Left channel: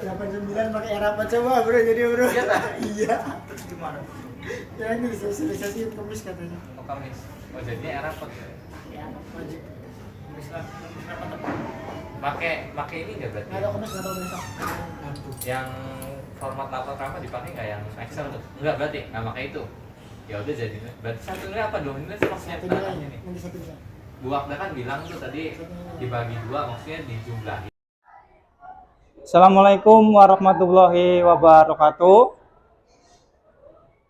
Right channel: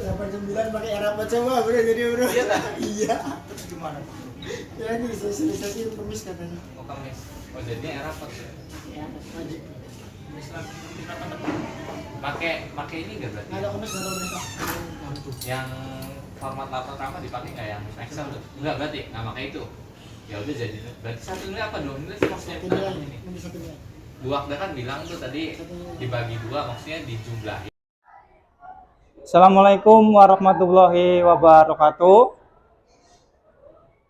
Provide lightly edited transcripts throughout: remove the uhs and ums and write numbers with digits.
Delapan sembilan pakai rapat coba bro, jadi bro. Iya tak? Iya. Terus gimana? Ya ini sosialisasi Kamis katanya. Oh Kamis. Oh jadinya era apa? Ya, maju. Pakai ini nggak berarti? Nggak ada Kamis, nggak ada Kamis. Yang format lapor kamu dipakai nggak yang Excel tuh? Enggak berarti? Nggak pakai itu. Ya udah jadinya. Berarti satu nilai apa dong? Nilai maksudnya Satu nilai ini. nanti satu nilai. Dua Akda kan bilang tuh tadi dibagi dua maksudnya dijumlahin. Assalamualaikum warahmatullahi wabarakatuh.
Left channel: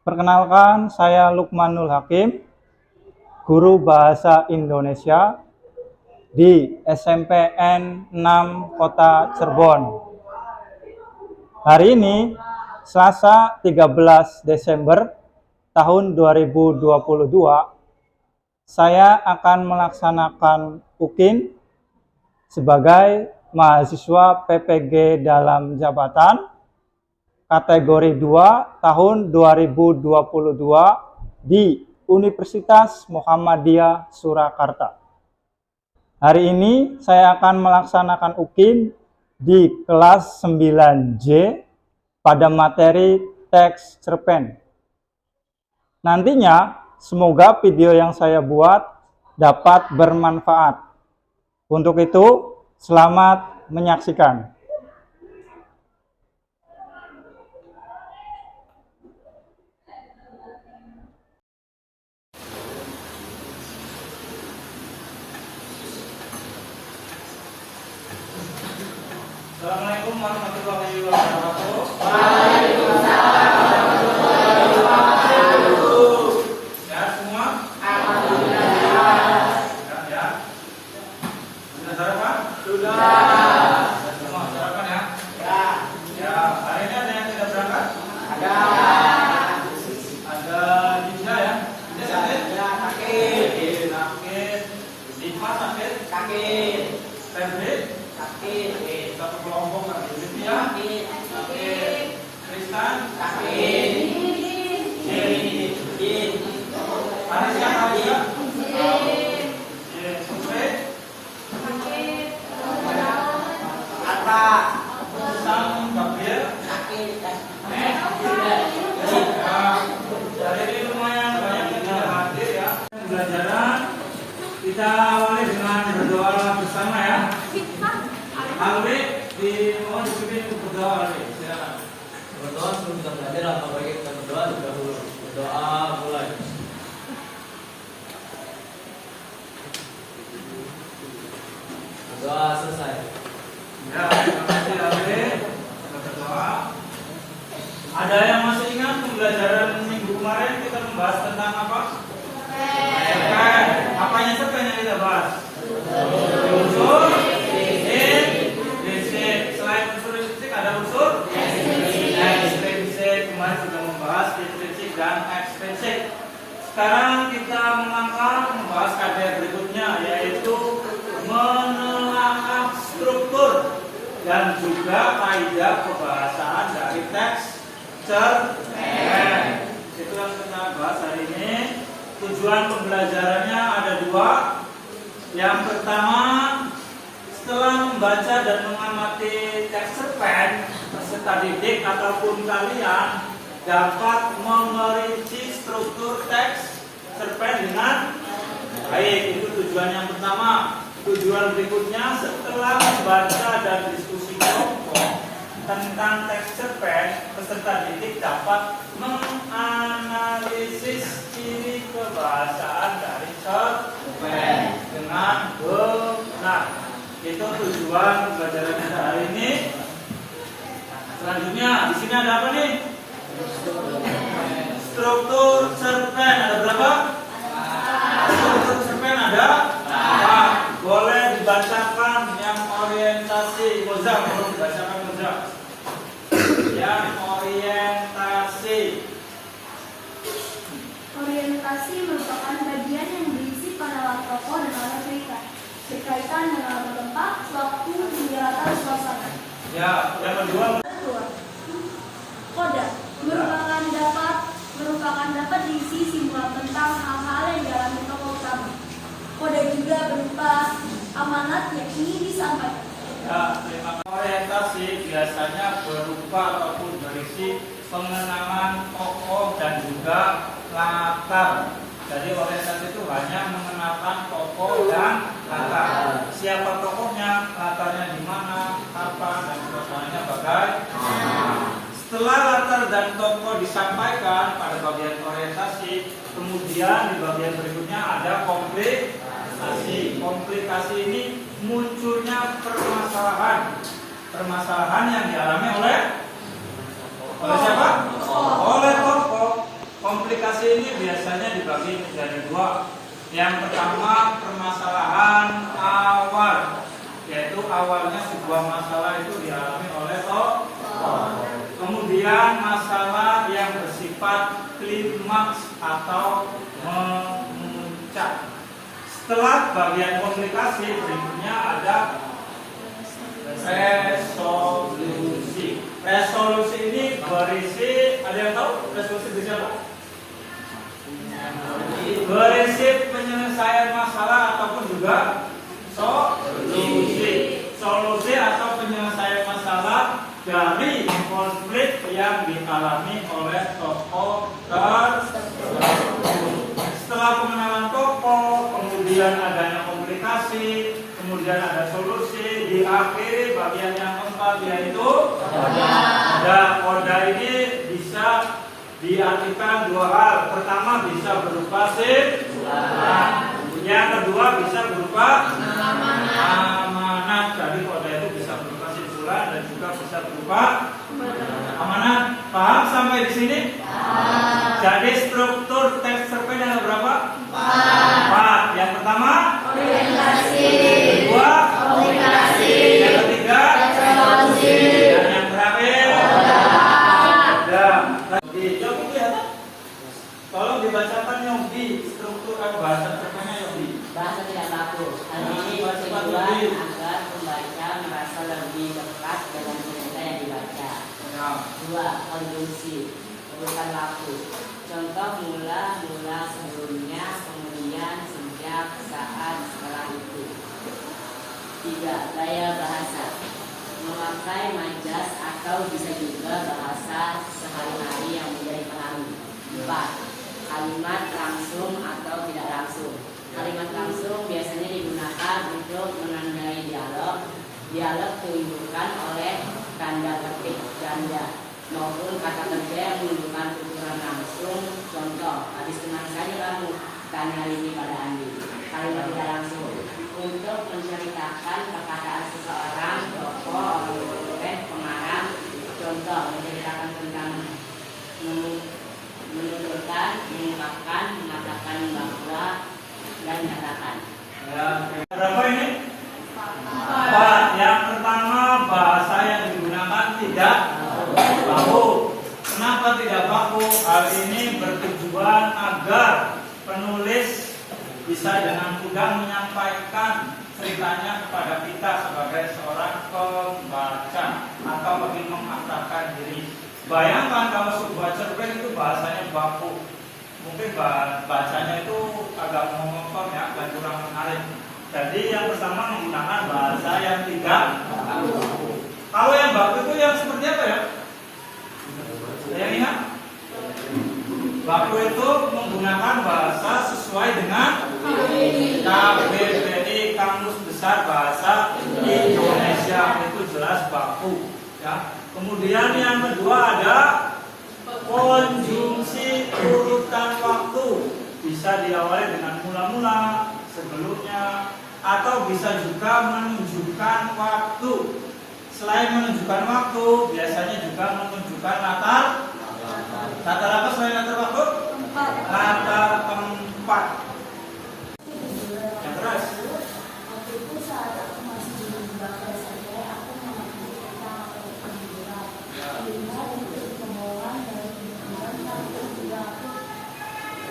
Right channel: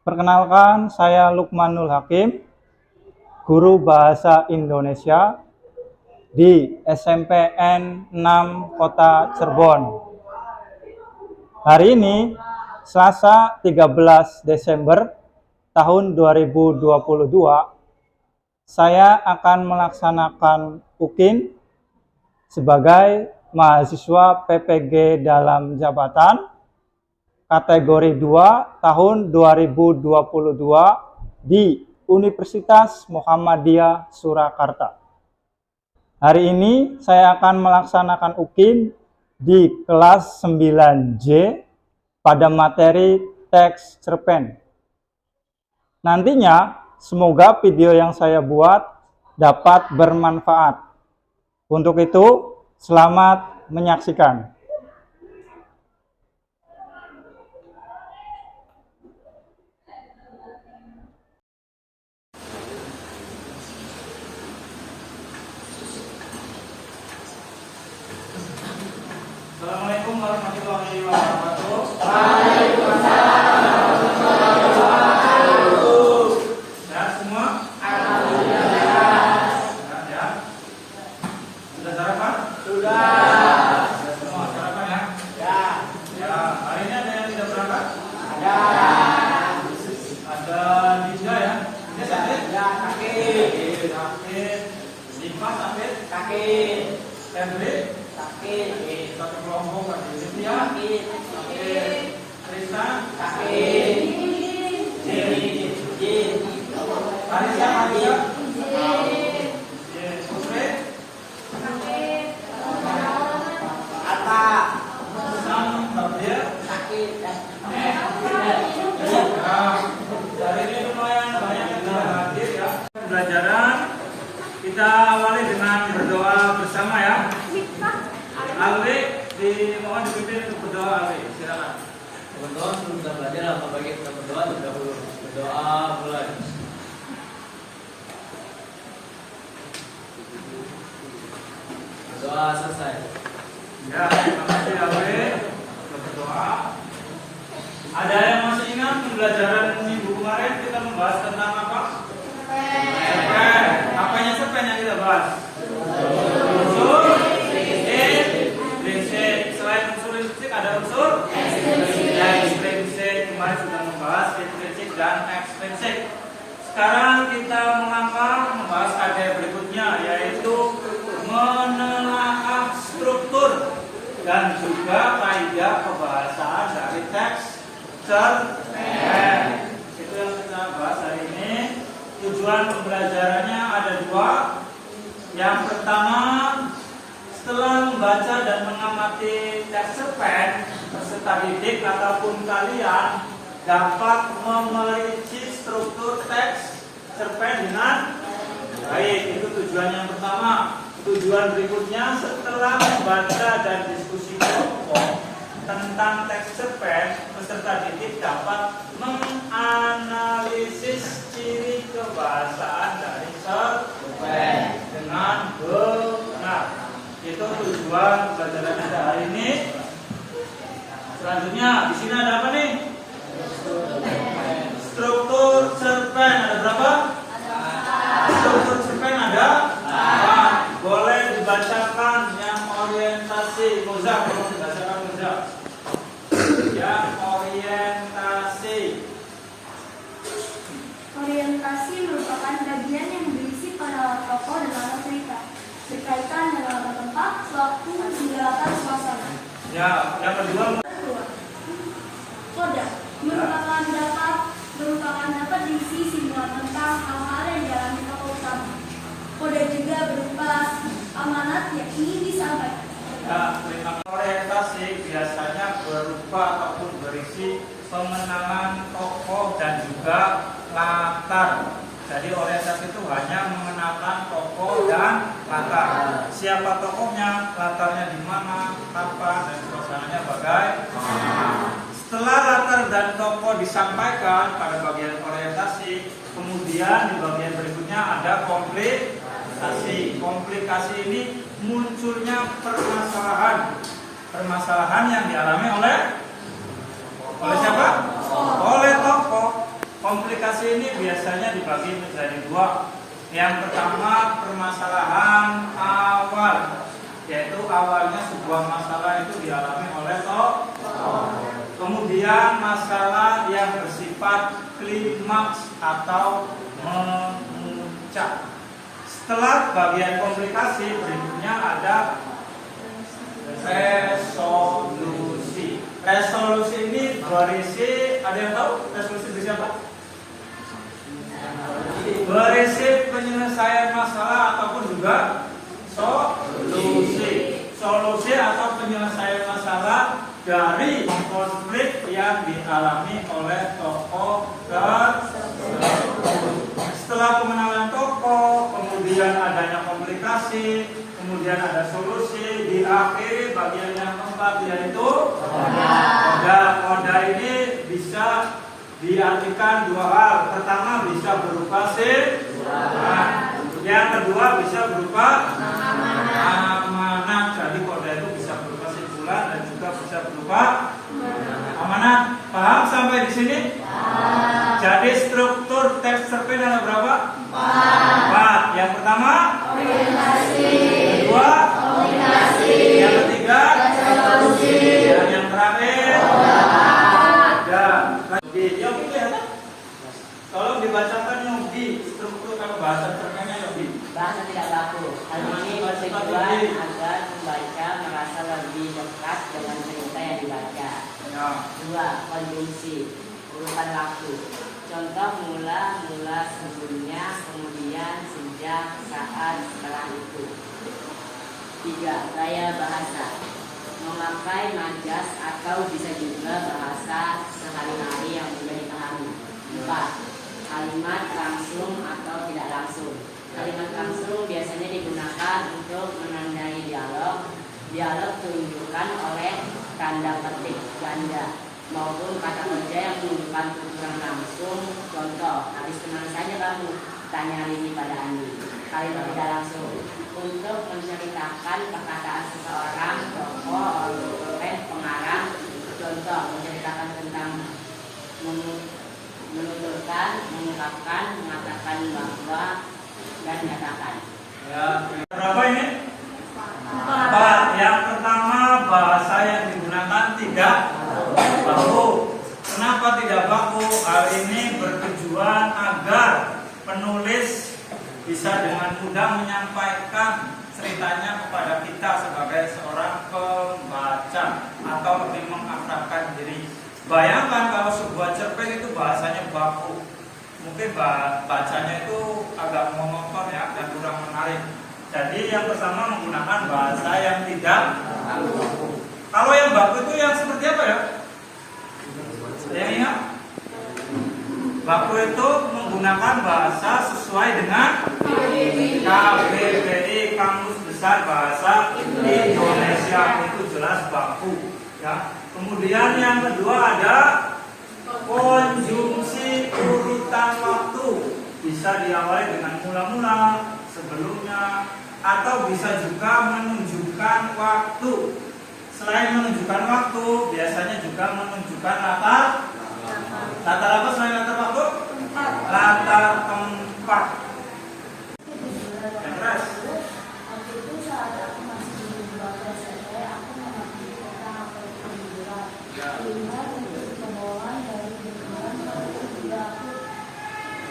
Perkenalkan, saya Lukmanul Hakim, guru Bahasa Indonesia di SMPN 6 Kota Cirebon. Hari ini, Selasa 13 Desember tahun 2022, saya akan melaksanakan UKIN sebagai mahasiswa PPG dalam jabatan kategori 2 tahun 2022 di Universitas Muhammadiyah Surakarta. Hari ini saya akan melaksanakan UKIN di kelas 9J pada materi teks cerpen. Nantinya semoga video yang saya buat dapat bermanfaat. Untuk itu, selamat menyaksikan. Assalamualaikum warahmatullahi wabarakatuh. Waalaikumsalam warahmatullahi wabarakatuh. Ya semua? Alhamdulillah. Ya. Sudah sarapan? Sudah. Sudah semua sarapan ya? Ya. Ya. Hari ini ada yang tidak berangkat? Ada. Ada Dinja ya? Dinja sakit? Ya, sakit. Sakit. Dimas sakit? Sakit. Febri? Sakit. Satu kelompok kan? Olivia? Sakit. Tristan? Sakit. Jin. Anisya? Anisya? Jin. Putri? Apa? Sam? Gabriel? Sakit. Hari ini lumayan banyak yang sudah hadir ya. Pembelajaran kita awali dengan berdoa bersama ya. Alwi, mohon dipimpin untuk berdoa Alwi. Silakan. Berdoa sebelum kita belajar atau bagi kita berdoa terlebih dahulu. Berdoa mulai. Berdoa selesai. Ya, terima kasih Alwi. Berdoa. Ada yang masih ingat pembelajaran minggu kemarin kita membahas tentang apa? Cerpen. Apanya cerpen yang kita bahas? Unsur prinsip. Selain unsur prinsip ada unsur ekstrinsik. Kemarin sudah membahas intrinsik dan ekstrinsik. Sekarang kita membahas KD berikutnya, yaitu menelaah struktur dan juga kaidah kebahasaan dari teks cerpen. Itu yang kita bahas hari ini. Tujuan pembelajarannya ada dua. Yang pertama, setelah membaca dan mengamati teks cerpen, peserta didik ataupun kalian dapat memerinci struktur teks cerpen dengan baik. Itu tujuan yang pertama. Tujuan berikutnya, setelah membaca dan diskusi kelompok tentang teks cerpen, peserta didik dapat menganalisis ciri kebahasaan dari cerpen dengan benar. Itu tujuan pembelajaran kita hari ini. Selanjutnya, di sini ada apa nih? Struktur cerpen ada berapa? Struktur cerpen ada? Boleh dibacakan yang orientasi. Moza, boleh dibacakan Moza. Yang orientasi. Orientasi merupakan bagian yang berisi pada tokoh dan alur cerita, berkaitan dengan latar tempat, waktu, hingga latar suasana. Ya, yang kedua. Koda merupakan dapat diisi simbolan tentang hal-hal yang dialami tokoh berupa ataupun berisi pengenalan tokoh dan juga latar. Jadi orientasi itu hanya mengenalkan tokoh dan latar. Siapa tokohnya, latarnya di mana, kapan, dan suasananya bagaimana. Setelah latar dan tokoh disampaikan pada bagian orientasi, kemudian di bagian berikutnya ada komplikasi. Komplikasi ini munculnya permasalahan yang dialami oleh siapa? Oleh tokoh. Komplikasi ini biasanya dibagi menjadi dua. Yang pertama permasalahan awal, yaitu awalnya sebuah masalah itu dialami oleh tokoh. Kemudian masalah yang bersifat klimaks atau memuncak. Setelah bagian komplikasi, berikutnya ada resolusi. Resolusi ini berisi, ada yang tahu resolusi berisi apa? Berisi penyelesaian masalah ataupun juga solusi. Solusi atau penyelesaian masalah dari konflik yang dialami oleh tokoh tersebut. Setelah pengenalan tokoh, kemudian adanya komplikasi, kemudian ada solusi, diakhiri bagian yang keempat yaitu koda. Koda ini bisa diartikan dua hal. Pertama bisa berupa simpulan, yang kedua bisa berupa amanat. Jadi koda itu bisa berupa simpulan dan juga bisa berupa amanat. Paham sampai di sini? Jadi struktur teks cerpen ada berapa? 4. Yang pertama orientasi, kedua komunikasi, yang ketiga resolusi, dan yang terakhir Yogi. Yogi kelihatan? Tolong dibacakan Yogi, struktur bahasa cerpennya Yogi. Bahasa tidak baku. Hal ini bertujuan agar pembaca merasa lebih dekat dengan cerita yang dibaca. 2. Konjungsi, urutan waktu. Contoh mula sebelumnya, kemudian, sejak, saat, setelah itu. 3. Gaya bahasa, memakai majas atau bisa juga bahasa sehari-hari yang mudah dipahami. 4. Kalimat langsung atau tidak langsung. Kalimat langsung biasanya digunakan untuk menandai dialog. Dialog tunjukkan oleh tanda petik ganda maupun kata kerja yang menunjukkan ukuran langsung. Contoh, habis kemana saja kamu? Tanya Rini pada Andi. Kalimat tidak langsung untuk menceritakan perkataan seseorang, tokoh, oleh pengarang. Contoh, menceritakan tentang menuturkan, mengungkapkan, mengatakan bahwa, dan nyatakan. Ya, berapa ini? 4. Yang pertama bahasa yang digunakan tidak baku. Kenapa tidak baku? Hal ini bertujuan agar penulis bisa dengan mudah menyampaikan ceritanya kepada kita sebagai seorang pembaca atau lebih mengakrabkan diri. Bayangkan kalau sebuah cerpen itu bahasanya baku, mungkin bacanya itu agak monoton ya dan kurang menarik. Jadi yang pertama menggunakan bahasa yang tidak baku. Kalau yang baku itu yang seperti apa ya? Ada yang ingat? Baku itu menggunakan bahasa sesuai dengan KBBI, Kamus Besar Bahasa Indonesia, itu jelas baku. Ya. Kemudian yang kedua ada konjungsi urutan waktu, bisa diawali dengan mula-mula, sebelumnya, atau bisa juga menunjukkan waktu. Selain menunjukkan waktu, biasanya juga menunjukkan latar. Latar apa selain latar waktu? Latar tempat. Yang keras. Waktu itu saat aku masih di Bangka SMP, aku mengambil tentang penjualan. Lihat untuk pembawaan dari lingkungan tapi juga aku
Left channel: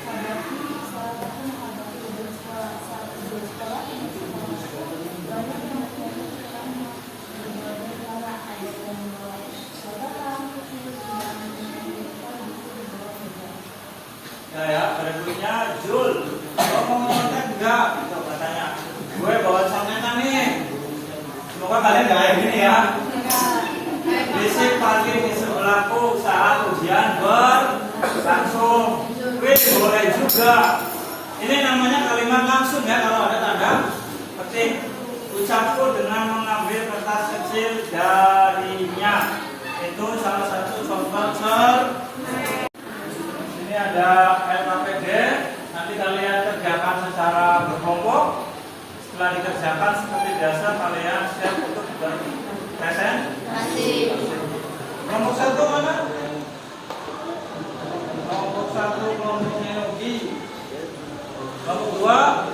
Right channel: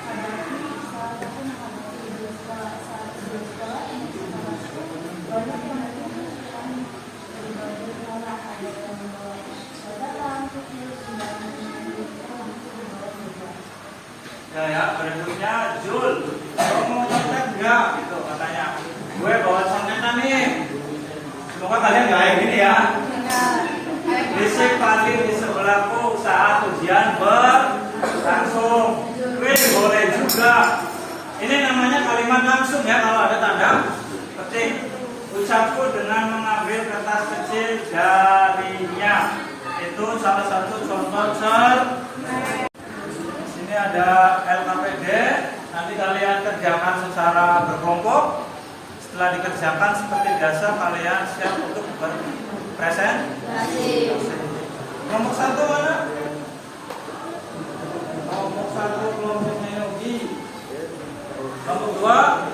hadapi saat aku menghadapi dua sekolah ini termasuk banyak yang menunjukkan berbagai cara ada yang membawa catatan, tulis, dan menunjukkan aku membawa meja. Ya, berikutnya Jul, lo mau nyontek nggak? Gitu katanya. Gue bawa contekan nih. Semoga kalian nggak kayak gini ya. Bisa berisik parkir di sebelahku saat ujian berlangsung. Wih, boleh juga. Ini namanya kalimat langsung ya, kalau ada tanda petik. Ucapku dengan mengambil kertas kecil darinya. Itu salah satu contoh Sini ada LKPD. Nanti kalian kerjakan secara berkelompok. Setelah dikerjakan seperti biasa, kalian siap untuk berpresentasi. Kelompok 1 mana? Kelompok 1 kelompoknya Yogi. Kelompok 2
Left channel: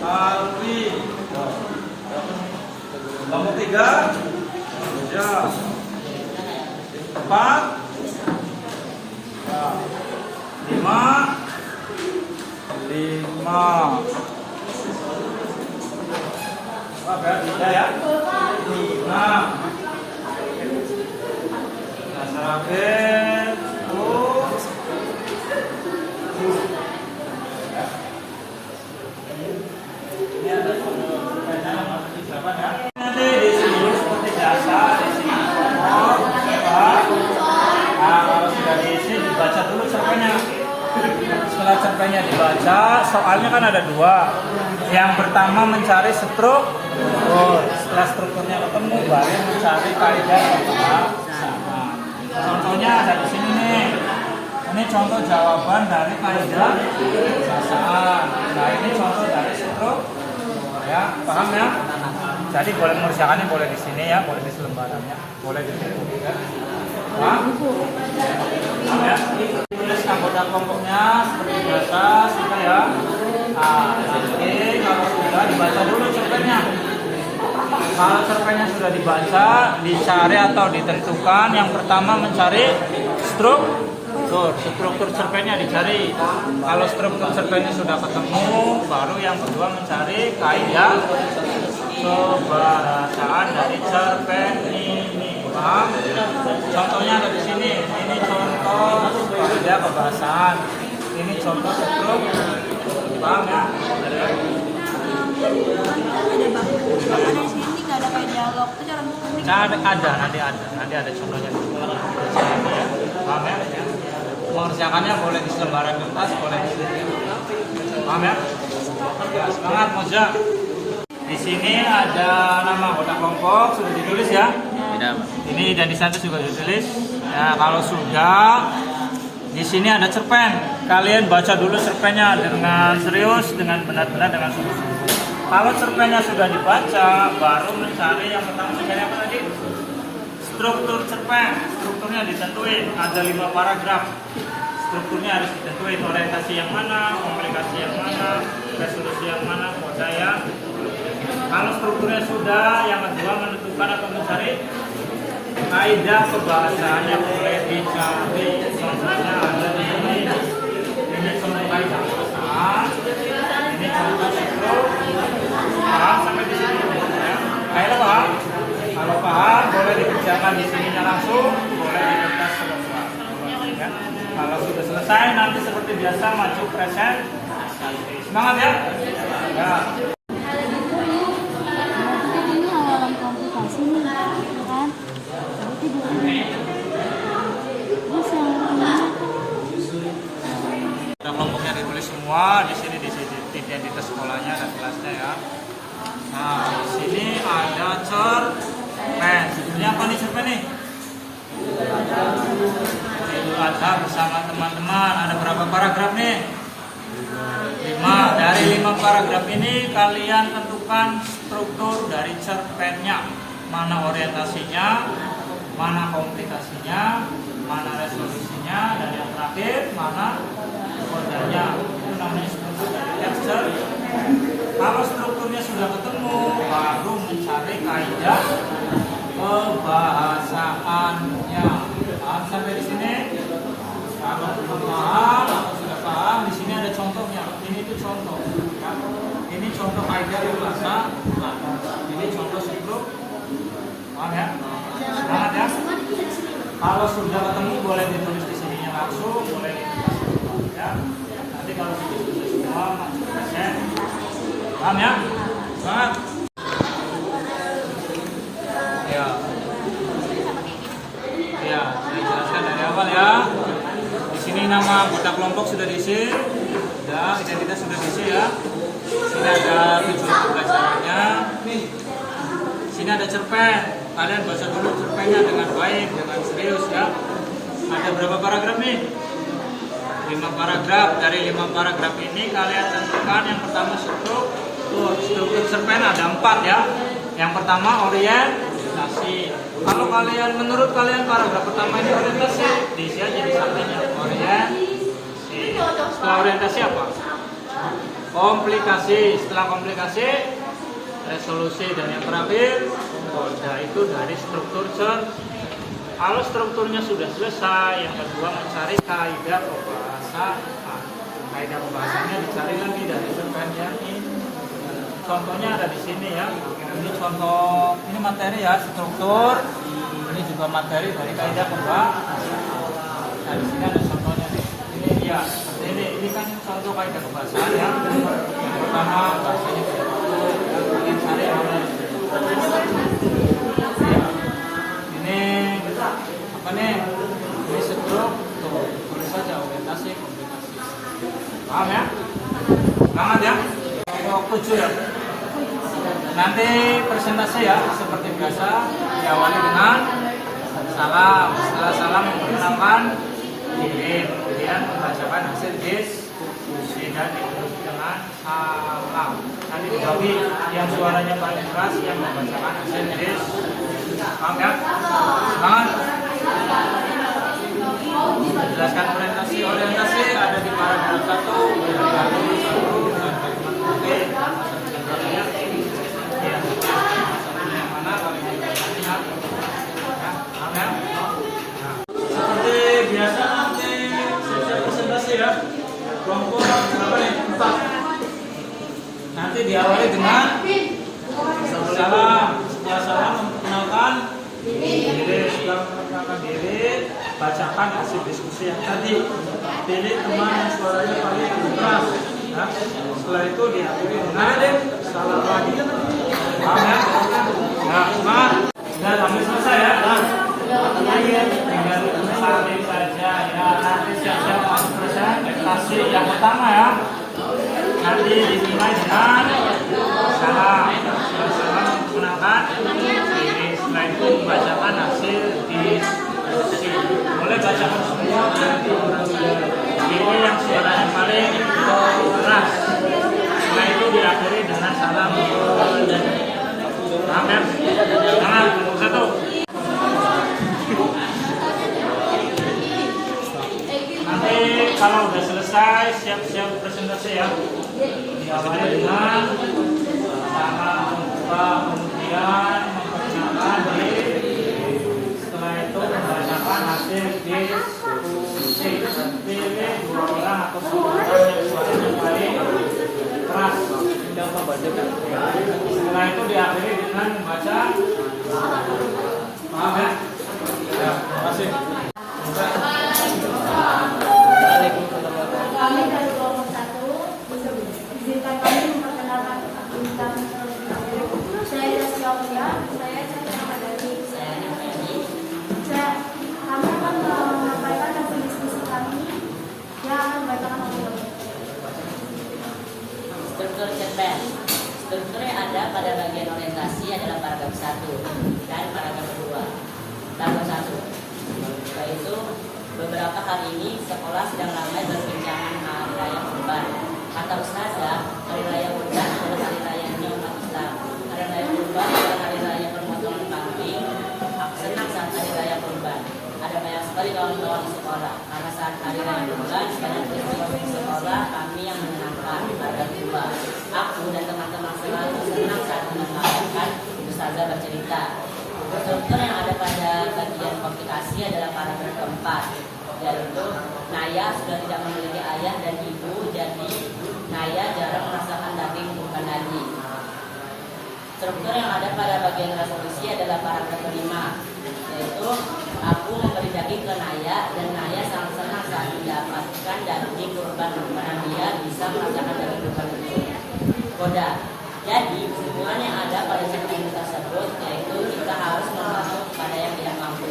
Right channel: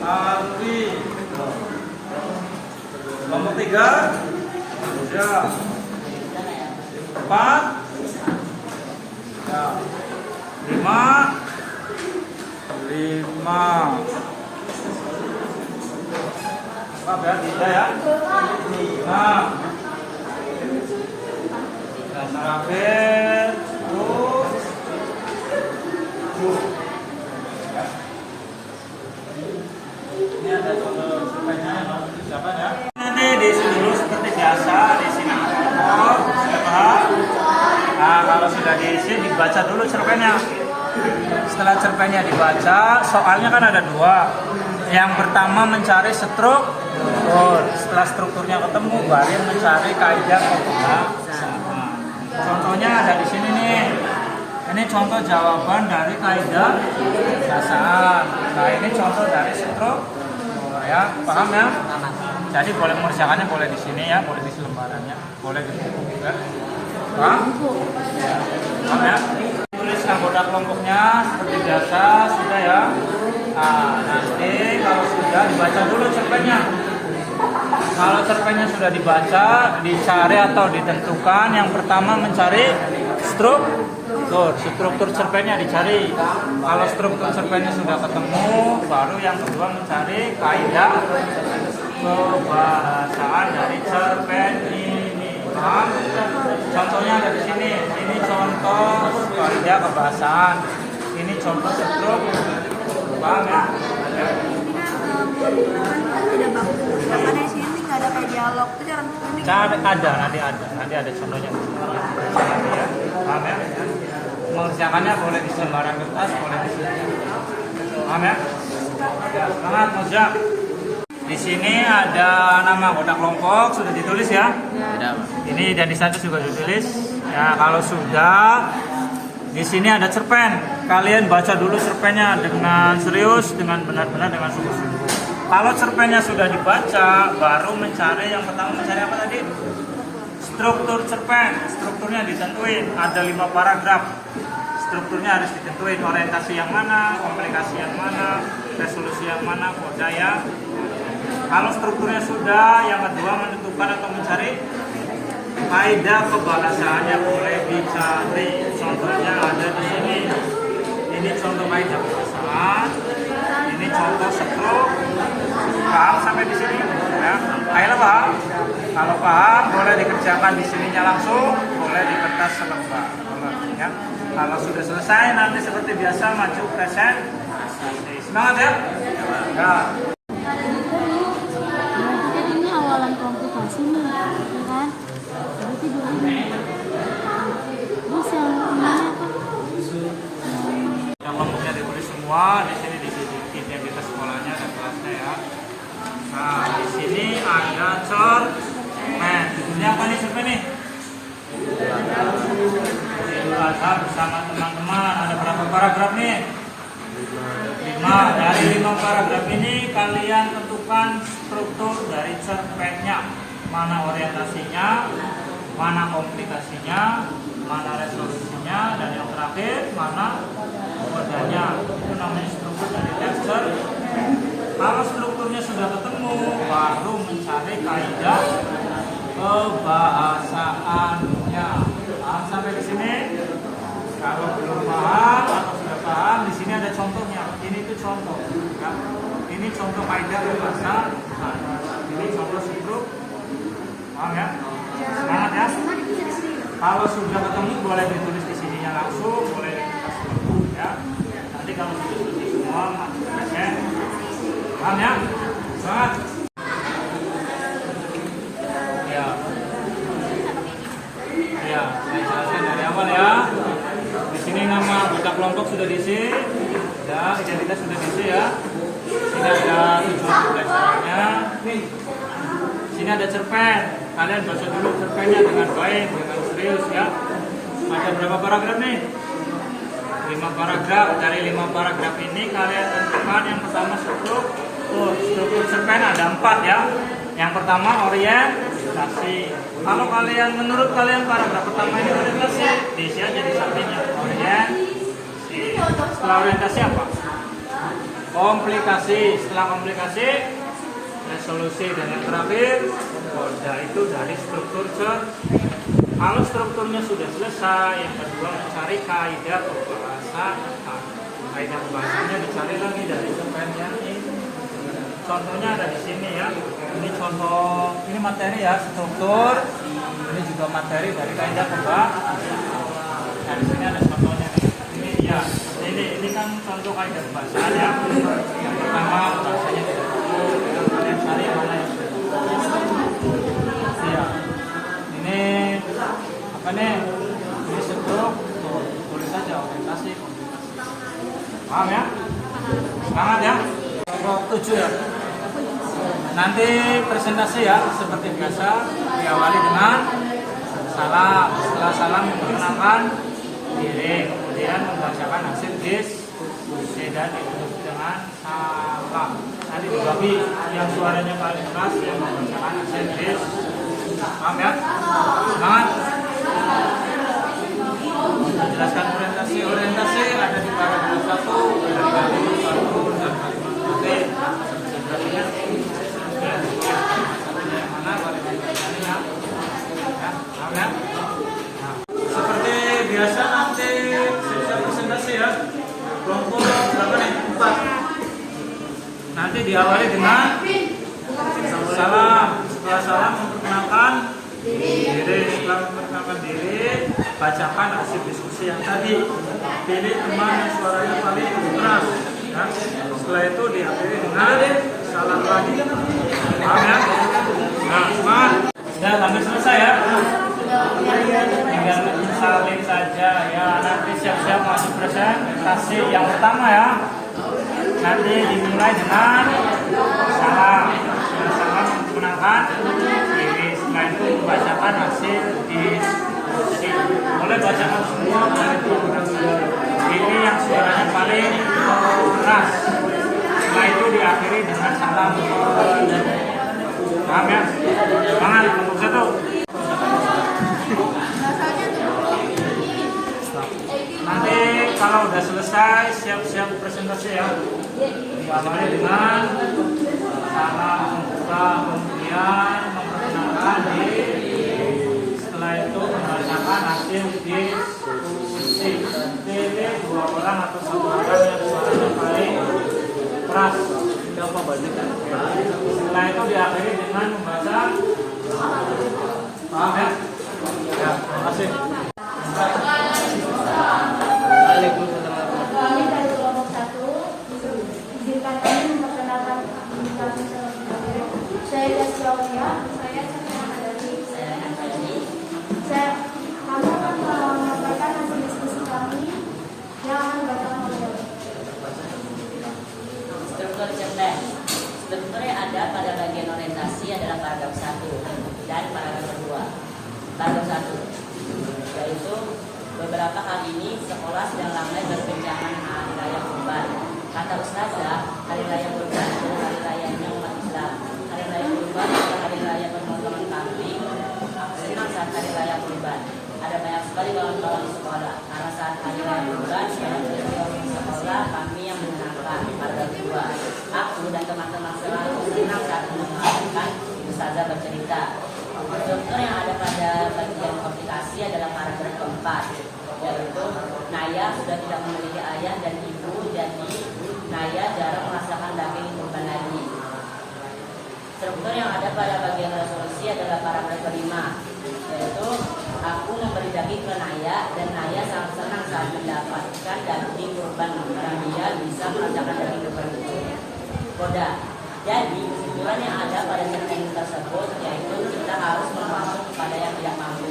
Arwi. Kelompok 3 ya. 4 ya. 5 apa ya? 3 ya. Nah, Sarafin ya. Ini ada cerpennya yang harus diucapkan ya. Nanti diisi dulu seperti biasa, di sini nomor siapa? Nah, kalau sudah diisi dibaca dulu cerpennya. Setelah cerpennya dibaca, soalnya kan ada 2. Yang pertama mencari struktur. Setelah strukturnya ketemu, baru mencari kaidah pembahasan. Contohnya ada di sini nih. Ini contoh jawaban dari kaidah pembahasan. Nah, ini contoh dari struktur. Ya, paham ya? Jadi boleh mengerjakannya boleh di sini ya, boleh di selembarannya, boleh di buku juga. Paham? Paham ya? Tulis anggota kelompoknya seperti biasa sudah ya. Nah, jadi kalau sudah dibaca dulu cerpennya. Kalau cerpennya sudah dibaca, dicari atau ditentukan. Yang pertama mencari struktur cerpennya dicari. Kalau struktur cerpennya sudah ketemu, baru yang kedua mencari kaidah kebahasaan dari cerpen ini. Paham? Contohnya ada di sini. Ini contoh kaidah kebahasaan. Ini contoh struktur. Paham ya? Tidak baku, sedangkan di sini nggak ada kayak dialog itu cara Nanti ada contohnya. Paham ya? Mengerjakannya boleh di selembaran kertas, boleh di sini. Paham ya? Semangat Moza. Di sini ada nama anggota kelompok sudah ditulis ya. Ini dan di sana juga ditulis. Ya, kalau sudah di sini ada cerpen. Kalian baca dulu cerpennya dengan serius, dengan benar-benar, dengan sungguh-sungguh. Kalau cerpennya sudah dibaca, baru mencari yang pertama mencari apa tadi? Struktur cerpen. Strukturnya ditentuin. Ada 5 paragraf. Strukturnya harus ditentuin. Orientasi yang mana, komunikasi yang mana, resolusi yang mana, koda yang mana. Kalau strukturnya sudah, yang kedua menentukan atau mencari kaidah kebahasaannya boleh dicari. Contohnya ada di sini. Ini contoh kaidah kebahasaan. Ini contoh struktur. Paham sampai di sini? Ya. Ayo paham? Kalau paham boleh dikerjakan di sininya langsung, boleh di kertas selembar. Ya. Kalau sudah selesai nanti seperti biasa maju presentasi. Semangat ya. Ya. ini awalan komplikasi nih, ya kan? Jadi itu dulu. Terus yang ini Kelompoknya ditulis semua di sini identitas sekolahnya dan kelasnya ya. Nah, di sini ada cerpen. Judulnya apa nih cerpen nih? Idul Adha bersama teman-teman. Ada berapa paragraf nih? 5. Dari 5 paragraf ini kalian tentukan struktur dari cerpennya. Mana orientasinya, mana komplikasinya, mana resolusinya, dan yang terakhir mana kodanya. Itu namanya struktur dari teks cerpen. Kalau strukturnya sudah ketemu, baru mencari kaidah kebahasaannya. Paham sampai di sini? Kalau belum paham atau sudah paham, di sini ada contohnya. Ini itu contoh. Ya. Ini contoh kaidah berbahasa. Nah, ini contoh struktur. Paham ya? Semangat ya? Kalau sudah ketemu, boleh ditulis di sininya langsung, boleh ditulis ya. Nanti kalau sudah selesai semua, maju present. Paham ya? Semangat. Ya. nama anggota kelompok sudah diisi, ya, identitas sudah diisi ya. Sini ada tujuan pembelajarannya. Sini ada cerpen. Kalian baca dulu cerpennya dengan baik, dengan serius ya. Ada berapa paragraf nih? 5 paragraf. Dari 5 paragraf ini kalian tentukan yang pertama struktur cerpen ada 4 ya. Yang pertama orientasi. Kalau kalian menurut kalian paragraf pertama ini orientasi, diisi aja di sampingnya orientasi. Setelah orientasi apa? Komplikasi. Setelah komplikasi resolusi, dan yang terakhir koda. Itu dari struktur Kalau strukturnya sudah selesai, yang kedua mencari kaidah pembahasan. Kaidah pembahasannya dicari lagi dari cerpen yang ini. Contohnya ada di sini ya. Ini contoh, ini materi ya, struktur. Ini juga materi dari kaidah pembahasan. Nah, di sini ada contohnya nih. Ini ya, ini kan contoh kaidah pembahasan ya. Yang pertama bahasanya tidak baku. Kalian cari yang mana yang ya. Ini apa nih? Ini struktur. Tulis saja orientasi, komplikasi. Paham ya? Semangat ya. Kelompok 7 ya. Nanti presentasi ya, seperti biasa diawali dengan salam. Setelah salam memperkenalkan diri, kemudian membacakan hasil diskusi dan ditutup dengan salam. Nanti dibagi yang suaranya paling keras yang membacakan hasil diskusi. Paham ya? Semangat. Jelaskan orientasi ada di paragraf 1, dari kalimat 1 dan kalimat nanti ya, yang mana kalimat ya. Paham ya? Nah, seperti biasa nanti saya presentasi ya. Kelompok berapa nih? 4. Nanti diawali dengan salam. Setelah salam memperkenalkan diri. Setelah memperkenalkan diri, bacakan hasil diskusi yang tadi. Pilih teman yang suaranya paling keras ya. Setelah itu diakhiri dengan salam lagi. Paham ya? Nah, semangat. Sudah hampir selesai ya. Nah, tinggal salin saja ya. Nanti siap-siap masuk presentasi yang pertama ya. Nanti dimulai dengan salam. Salam memperkenalkan diri. Setelah itu membacakan hasil diskusi. Boleh bacakan semua, boleh diulang. Ini yang suaranya paling keras. Setelah itu diakhiri dengan salam. Paham ya? Semangat, kelompok 1. Nanti kalau udah selesai, siap-siap presentasi ya. Diawali dengan salam membuka, kemudian memperkenalkan diri. Setelah itu membacakan hasil diskusi. Pilih 2 orang atau 1 orang yang suaranya paling keras. Setelah itu diakhiri dengan membaca. Paham ya? Ya, terima kasih. Kami dari kelompok 1, izinkan kami memperkenalkan kami sendiri. Saya Yasya, saya kami akan menyampaikan hasil diskusi kami yang akan dibacakan oleh Struktur cerpen. Struktur yang ada pada bagian orientasi adalah paragraf 1 dan paragraf 2. Paragraf 1 yaitu beberapa kali ini sekolah sedang ramai berbincangan hari raya Kurban. Kata Ustazah, hari raya Kurban adalah hari rayanya umat Islam. Hari raya Kurban adalah hari raya pemotongan kambing. Aku senang saat hari raya Kurban. Ada banyak sekali kawan-kawan di sekolah. Karena saat hari raya Kurban, banyak peristiwa di sekolah kami yang menyenangkan. Paragraf 2. Aku dan teman-teman selalu senang saat mendengarkan Ustazah bercerita. Struktur yang ada pada bagian komplikasi adalah paragraf keempat, yaitu Naya sudah tidak memiliki ayah dan ibu, jadi Naya jarang merasakan daging kurban lagi. Struktur yang ada pada bagian resolusi adalah paragraf kelima, yaitu aku memberi daging ke Naya dan Naya sangat senang saat mendapatkan daging kurban karena dia bisa merasakan daging kurban itu. Koda. Jadi kesimpulan yang ada pada cerpen tersebut yaitu kita harus memasuk pada yang tidak mampu.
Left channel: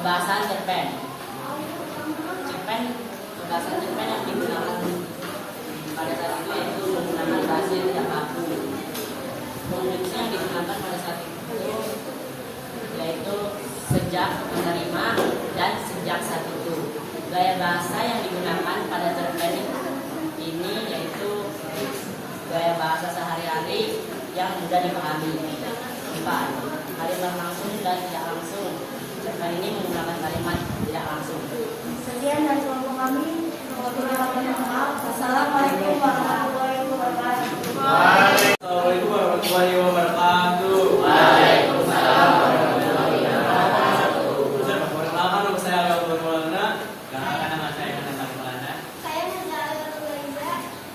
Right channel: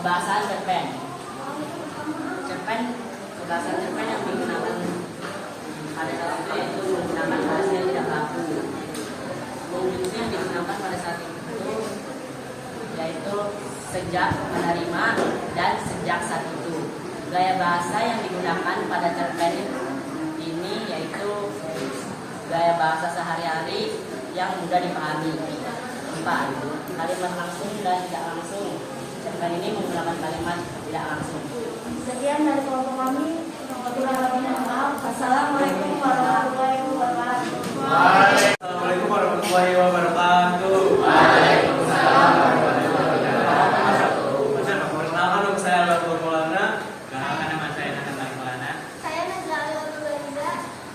Kebahasaan cerpen. Kebahasaan cerpen yang digunakan pada saat itu yaitu menggunakan bahasa yang tidak kaku. Wujudnya yang digunakan pada saat itu yaitu sejak menerima dan sejak saat itu. Gaya bahasa yang digunakan pada cerpen ini yaitu gaya bahasa sehari-hari yang mudah dipahami. 4. Kalimat langsung dan tidak langsung. Cerpen ini menggunakan kalimat tidak langsung. Sekian dari kelompok kami. Wassalamualaikum warahmatullahi wabarakatuh. Assalamualaikum warahmatullahi wabarakatuh. Perkenalkan nama saya Al-Ghafur Maulana. Kenalkan nama saya Nanda Maulana. Saya Nazila Nurulza.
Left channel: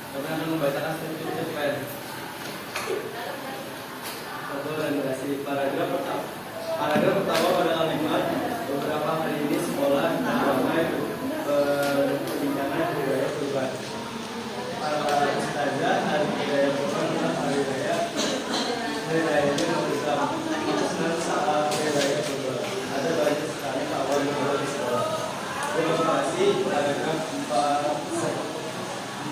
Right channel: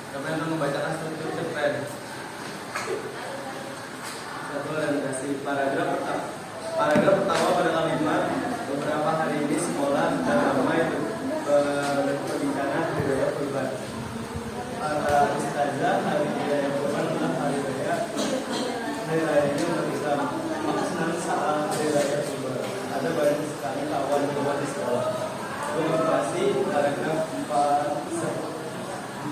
Kami akan membacakan struktur cerpen. Satu orientasi paragraf pertama. Paragraf pertama pada kalimat beberapa hari ini sekolah dan ramai perbincangan hari raya Kurban. Para ustazah hari raya Kurban adalah hari raya ini bersama. Maka senang saat hari raya Kurban. Ada banyak sekali kawan kawan di sekolah. Motivasi paragraf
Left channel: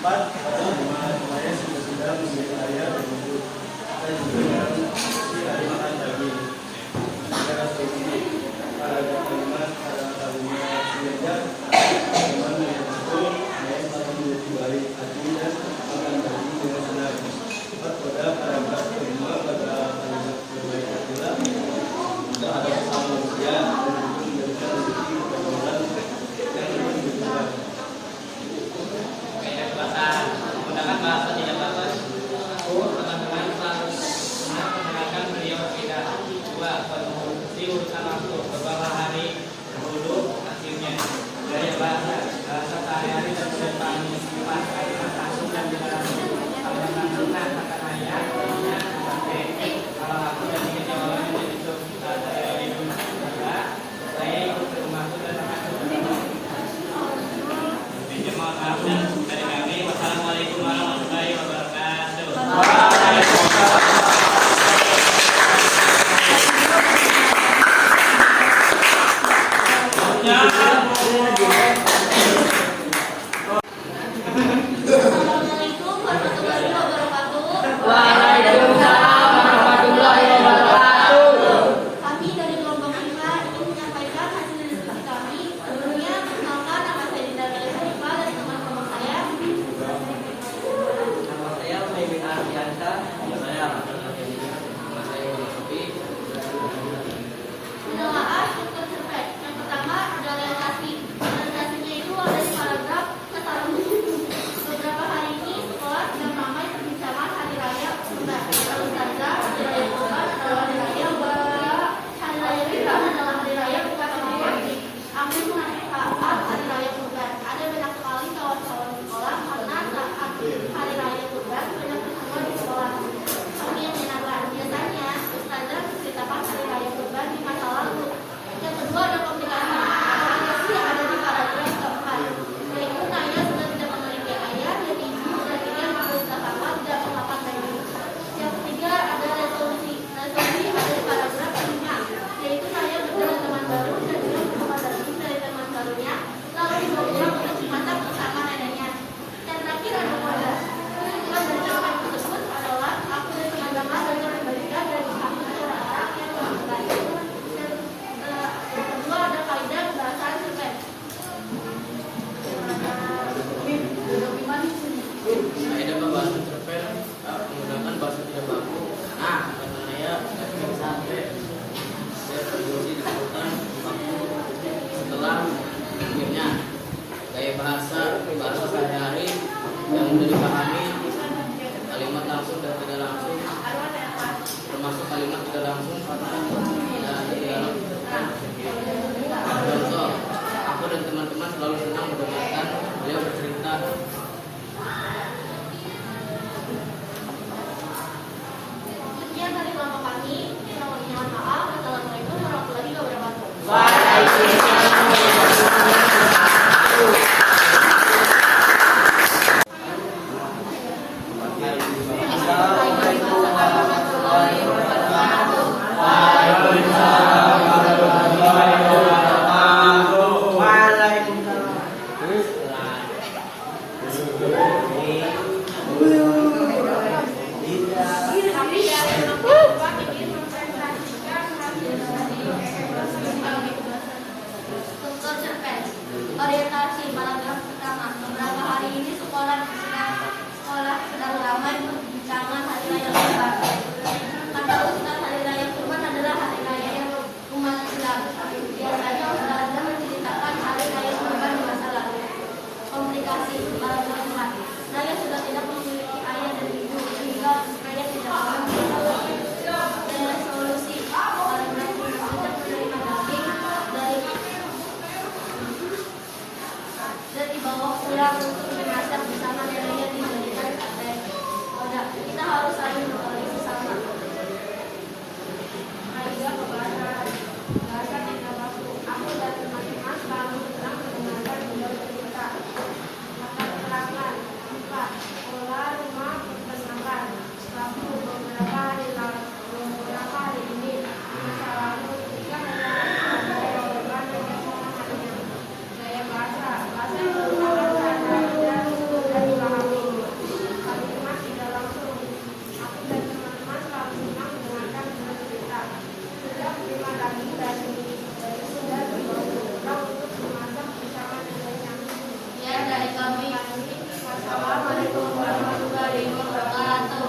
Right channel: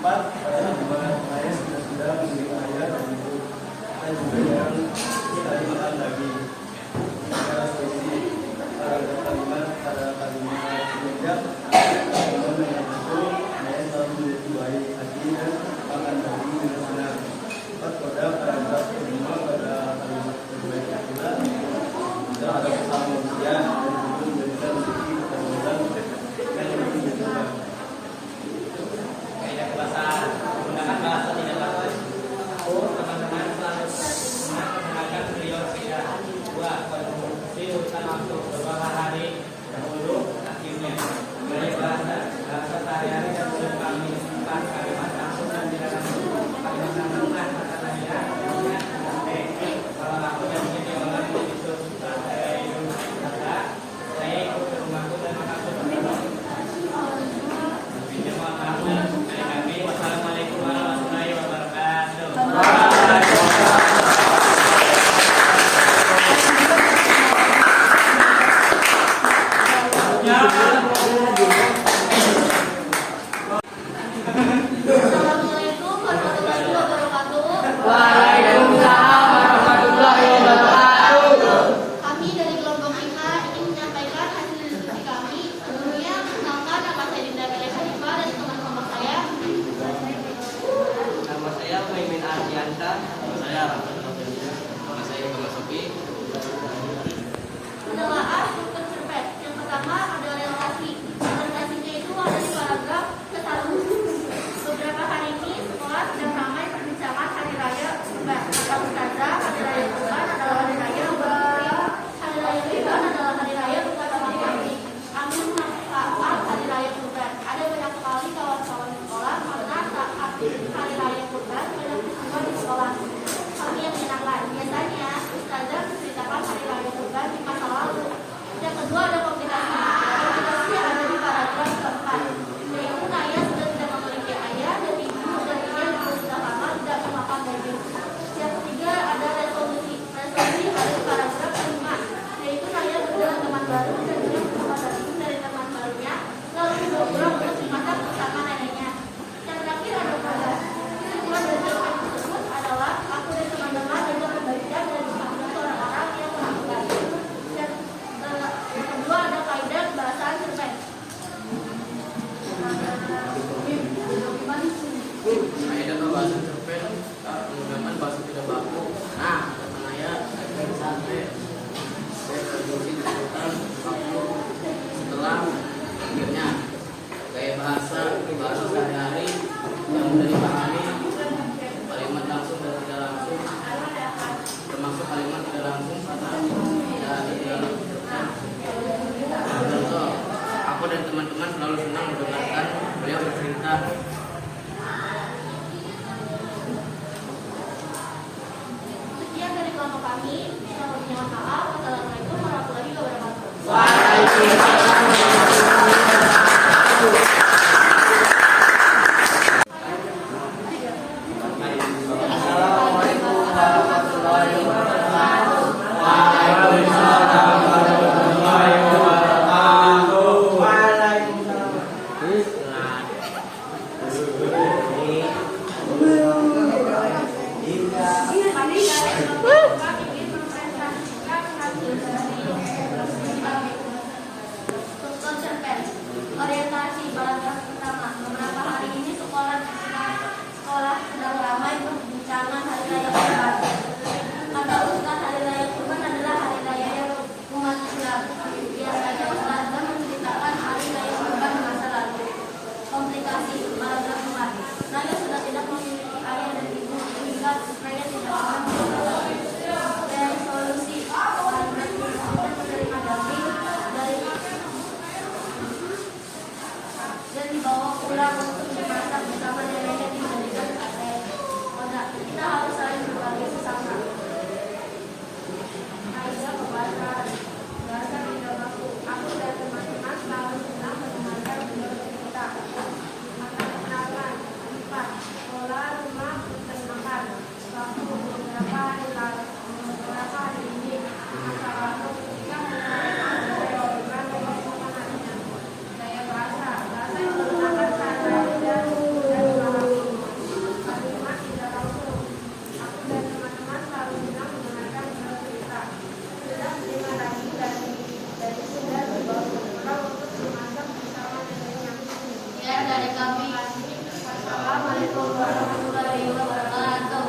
4 pada kalimat saya sudah memiliki ayah dan ibu dan juga yang tidak dimakan daging. Secara spesifik paragraf kalimat pada kalimat semenjak kalimat yang betul saya selalu menjadi baik hati dan makan daging dengan benar. 4 pada paragraf kelima pada kalimat berbaik hatilah jika ada kesalahan manusia dan itu memberikan rezeki kepada orang yang membutuhkan. Gaya bahasa menggunakan bahasa tidak bagus. Teman-teman harus mendengarkan video berbeda. 2. Konsumsi urusan waktu beberapa hari dahulu akhirnya. Gaya bahasa sehari-hari dan sudah pahami. 4. Kalimat langsung dan tidak langsung. Kalimat langsung kata saya jadinya sampai kalau aku dan ingin jawabannya itu saya di rumah saudara, saya ikut ke rumahku dan makan bersama. Pinjam maaf dan dari kami. Wassalamualaikum warahmatullahi wabarakatuh. Assalamualaikum warahmatullahi wabarakatuh. Kami dari kelompok 5 ingin menyampaikan hasil diskusi kami. Sebelumnya, perkenalkan nama saya Dinda Galih Hanifah dari teman kelompok saya. Nama saya Maimin Ardianta. Nama saya Rahman Abdullah. Nama saya Muhammad Sofi. Penelaah struktur cerpen. Yang pertama ada orientasi. Orientasinya itu ada di paragraf ke-1. Beberapa hari ini sekolah sedang ramai perbincangan hari raya Kurban. Kata ustazah, hari raya Kurban adalah hari raya bukan hari raya Kurban adalah hari raya bukan hari raya. Kami saat hari raya Kurban. Ada banyak sekali kawan-kawan di sekolah karena saat hari raya Kurban banyak peristiwa di sekolah. Kami yang menyenangkan. Biasanya ustazah menceritakan hari raya Kurban di masa lalu. Yang kedua ada komplikasi. Komplikasi yang ada di paragraf keempat. Yaitu saya sudah tidak memiliki ayah dan ibu dan ia sudah lama tidak memakan daging. Yang ketiga ada resolusi. Resolusi ada di paragraf kelima. Yaitu saya berjalan teman baru dan juga mendapat daging dari teman barunya. Lalu dibawa pulang untuk dimasak bersama neneknya. Yang terakhir ada kode. Kesimpulan dari cerpen tersebut adalah aku dan teman-teman dapat membagikan dan menghakimi orang-orang yang melakukan. Dan yang kedua ada kaidah kebahasaan cerpen. Kaidah pembahasan cerpen menggunakan bahasa tidak baku. Nah, kata saya sampai saya berfungsi disebutkan baku setelah akhirnya. Gaya bahasa sehari-hari yang mudah dipahami. Kalimat langsung dan tidak langsung, termasuk kalimat tidak langsung dan tidak langsung. Contoh, aku dan teman-teman selalu senang mendengarkan beliau bercerita. Sekian dari kelompok kami. Mohon maaf. Wassalamualaikum warahmatullahi wabarakatuh. Assalamualaikum warahmatullahi wabarakatuh. Waalaikumsalam warahmatullahi wabarakatuh. mau pulang untuk dimasak bersama neneknya dijadikan sate. Kita harus saling berbagi sesama. Kaidah pembahasan bahasa tiga baku. Aku dan teman-teman selalu senang mendengarkan beliau bercerita. Mata keterangan 4. Pola rumah peternakan. Waktu beberapa hari ini masa lalu ketika hanya organ yang semangatnya. Gaya bahasa yang menggunakan kata-kata dan dipahami. Kalimat tidak langsung. Aku dan teman-teman selalu senang mendengarkan cerita. Sudah terima lagi dari sudah dibawa pulang untuk dimasak bersama neneknya. Ya, dari kami. Wassalamualaikum warahmatullahi wabarakatuh.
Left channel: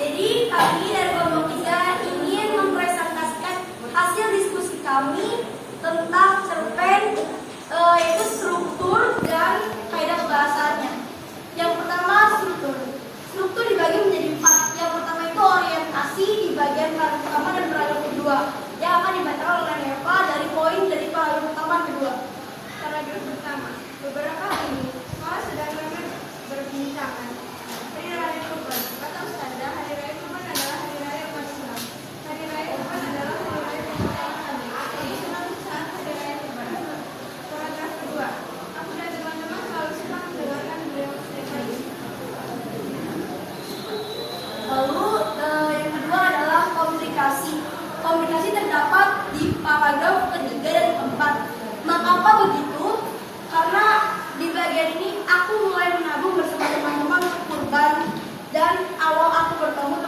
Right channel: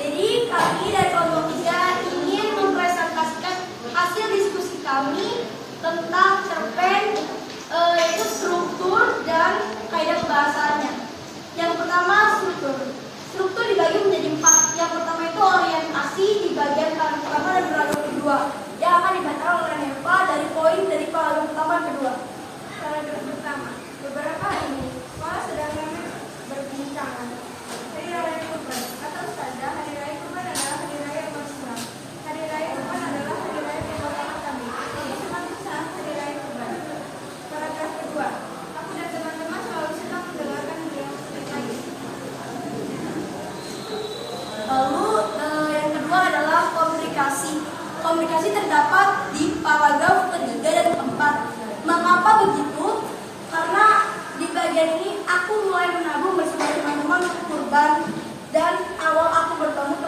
Jadi kami dari kelompok 3 ingin mempresentasikan hasil diskusi kami tentang cerpen yaitu struktur dan kaidah kebahasaannya. Yang pertama struktur. Struktur dibagi menjadi 4. Yang pertama itu orientasi di bagian paragraf pertama dan paragraf kedua yang akan dibacakan oleh Neva dari poin dari paragraf pertama dan kedua. Paragraf pertama. Beberapa hari ini sekolah sedang ramai berbincangan. Hari Raya Kurban. Kata Ustazah, Hari Raya Kurban adalah Hari Raya umat Islam. Hari Raya Kurban adalah Hari Raya pembakaran kami. Untuk suatu saat Hari Raya Kurban. Paragraf kedua. Aku dan teman-teman selalu senang mendengarkan beliau cerita. Lalu yang kedua adalah komunikasi. Komunikasi terdapat di paragraf ketiga dan keempat. Mengapa begitu? Karena di bagian ini aku mulai menabung bersama teman-teman kurban dan awal aku bertemu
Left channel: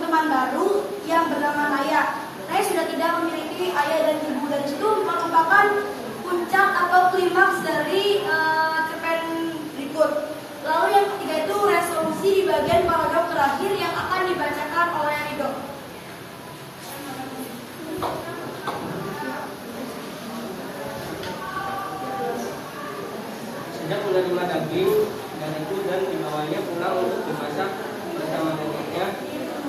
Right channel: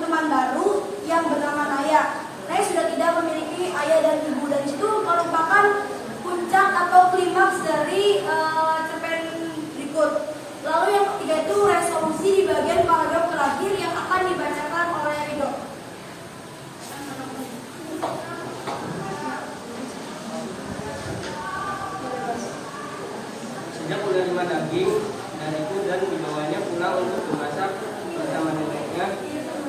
teman baru yang bernama Naya. Naya sudah tidak memiliki ayah dan ibu dan itu merupakan puncak atau klimaks dari cerpen berikut. Lalu yang ketiga itu resolusi di bagian paragraf terakhir yang akan dibacakan oleh Rido. Sejak menerima daging dariku dan dibawanya pulang untuk dimasak bersama neneknya,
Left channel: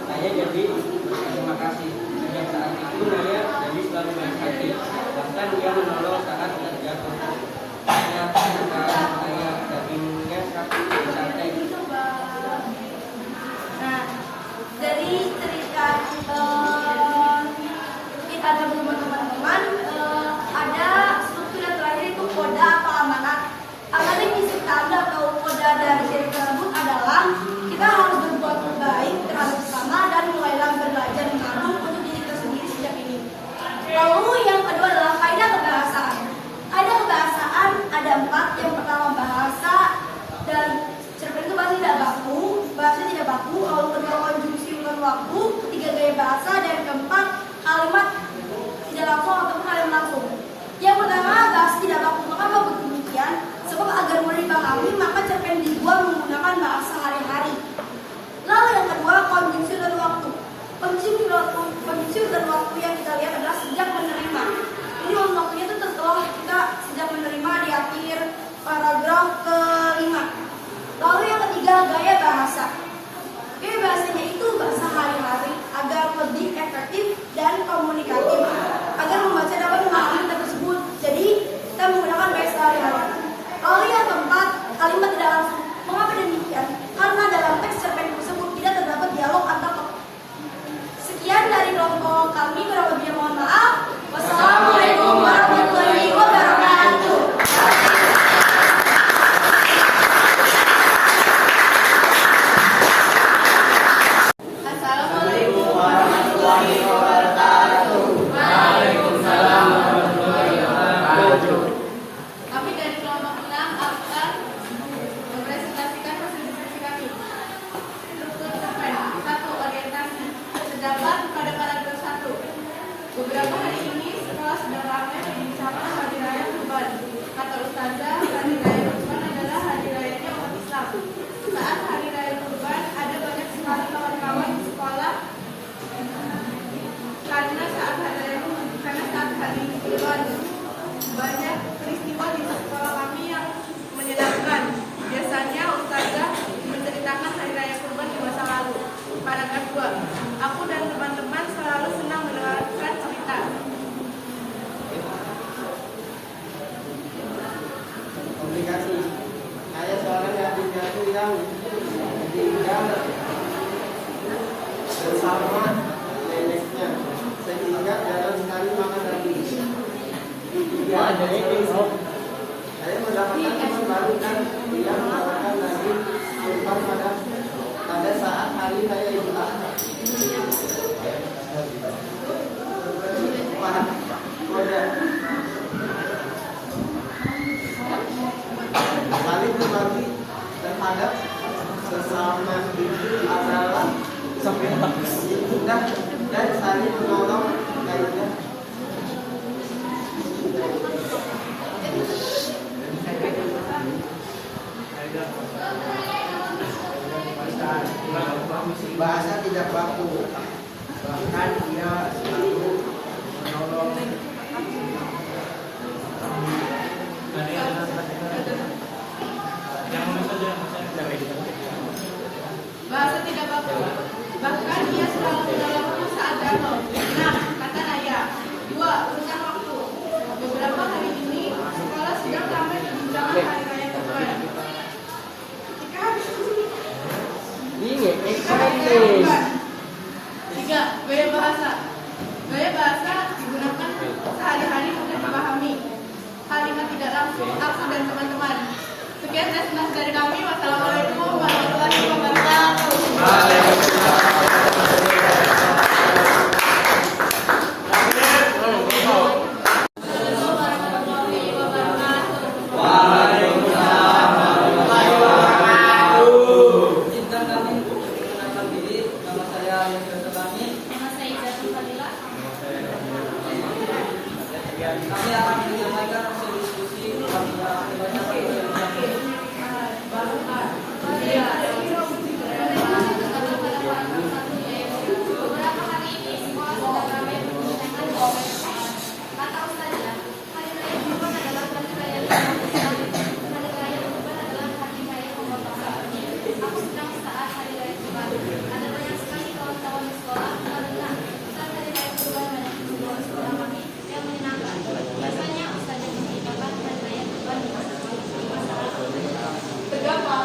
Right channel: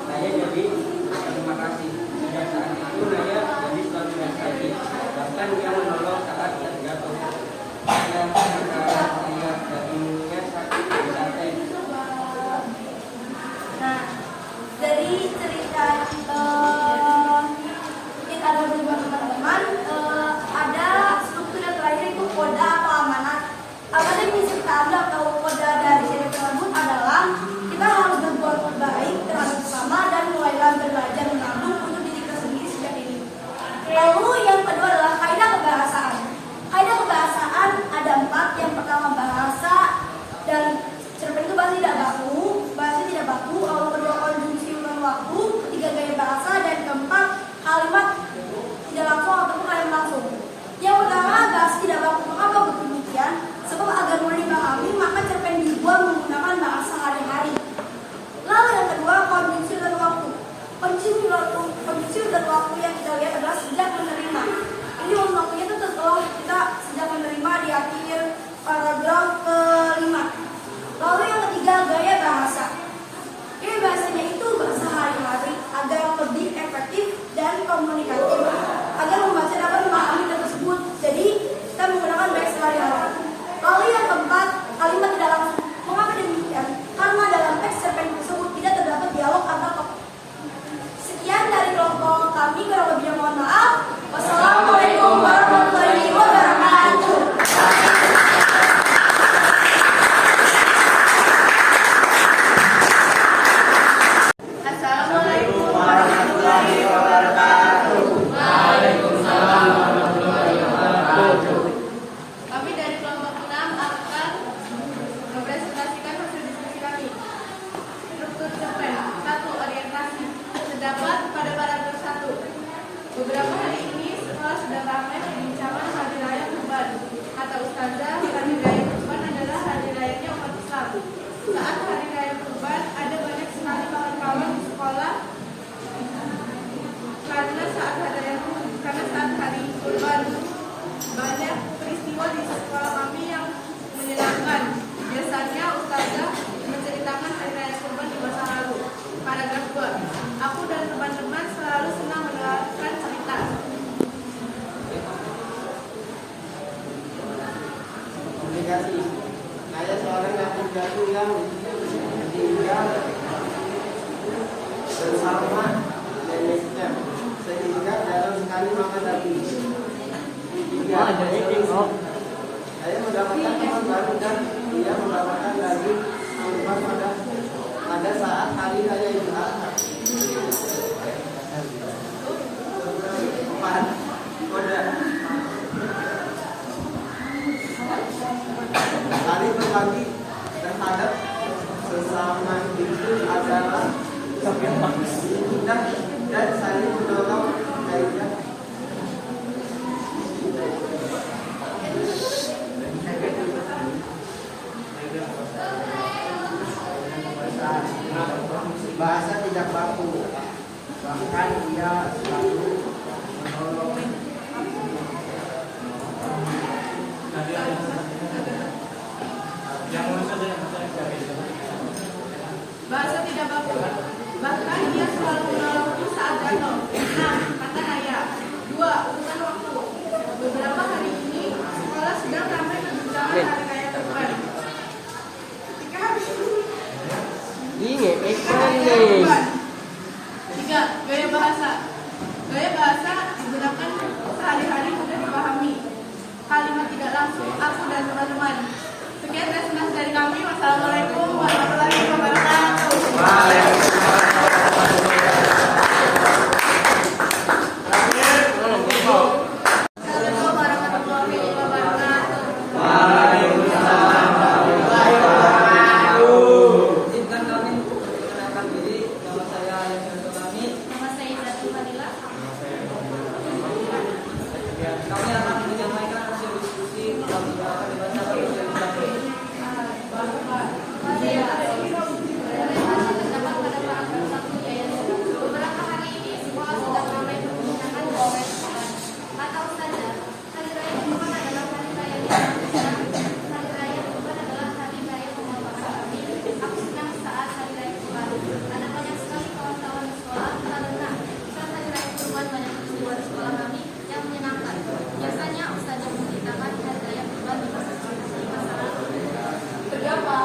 saya jadi berterima kasih. Sejak saat itu Naya jadi selalu baik hati, bahkan dia menolong saat terjatuh. Saya dagingnya sakit berarti. Nah, dari cerita kita ada teman-teman ada struktur yang terakhir itu koda atau amanat. Amanat yang kita ambil atau koda dari cerita tersebut adalah kita harus berbuat baik terhadap sesama dan mulailah belajar menabung untuk diri kita sendiri sejak ini. Lalu yang kedua adalah kaidah kebahasaan. Kaidah kebahasaan ada 4. Yang pertama bahasa dan cerpen itu bahasa tidak baku, lalu kedua konjungsi urutan waktu, ketiga gaya bahasa, dan keempat kalimat tidak langsung ataupun kalimat langsung. Yang pertama bahasa tidak baku. Mengapa demikian? Sebab agar mudah dipahami maka cerpen dibuat menggunakan bahasa hari-hari. Lalu yang kedua konjungsi urutan waktu. Konjungsi urutan waktu yang kita lihat adalah sejak menerima. Jadi waktunya itu setelah kita sejak menerima di akhir paragraf ke-5. Lalu yang ketiga gaya bahasa. Gaya bahasanya itu bahasa hari-hari agar lebih efektif dan komunikatif, agar membaca dapat memahami tersebut. Jadi kita menggunakan bahasa hari-hari. Lalu yang keempat kalimat tidak langsung. Mengapa demikian? Karena dalam teks cerpen tersebut tidak terdapat dialog antar tokoh. Sekian dari kelompok kami, kurang lebihnya mohon maaf. Wassalamualaikum warahmatullahi wabarakatuh. Angka 2. Aku dan teman-teman selalu senang mendengarkan cerita. Komplikasi. Ada seorang yatim piatu yang tinggal bersama neneknya, sehingga dalam sekali makan daging. 3. Saya mendapatkan teman baru dan dia mendapatkan daging kurban pada saat hari raya Idul Adha. 4. Kode. Saling berbagi terhadap sesama itu adalah mudah dan saling menolong lainnya. Bahasa tidak baku, bahkan dia selalu menolong. Bahasa tidak baku, bahkan dia selalu menolongku saat jatuh. 6. Kata Naya. 2. Urusan waktu. Beberapa hari ini sekolah sedang ramai perbincangan hari raya Kurban. Ketika habis Kurban. 3. Gaya bahasa. Gaya bahasa digunakan sehari-hari mudah dipahami. Kalimat tidak langsung aku dan teman-teman. Sekian resenasi dari kami. Wassalamualaikum warahmatullahi wabarakatuh. Assalamualaikum warahmatullahi wabarakatuh. Izinkan kami untuk memperkenalkan diri. Nama saya Yusuf Amin. Nama saya Izatul Fadilah. Kami akan menyampaikan hasil diskusi yang akan dibacakan oleh kami. Beberapa hari ini sekolah sedang ramai membicarakan hari raya Kurban. Kata Ustazah, hari raya Kurban adalah hari raya Islam. Hari raya Kurban adalah hari raya memotong sapi. Aku senang saat hari raya Kurban. Ada banyak sekali kawan-kawan di sekolah karena saat hari raya Kurban banyak keseruan di sekolah kami yang menyenangkan. Biasanya Ustazah menceritakan hari raya Kurban di masyarakat. Berapa?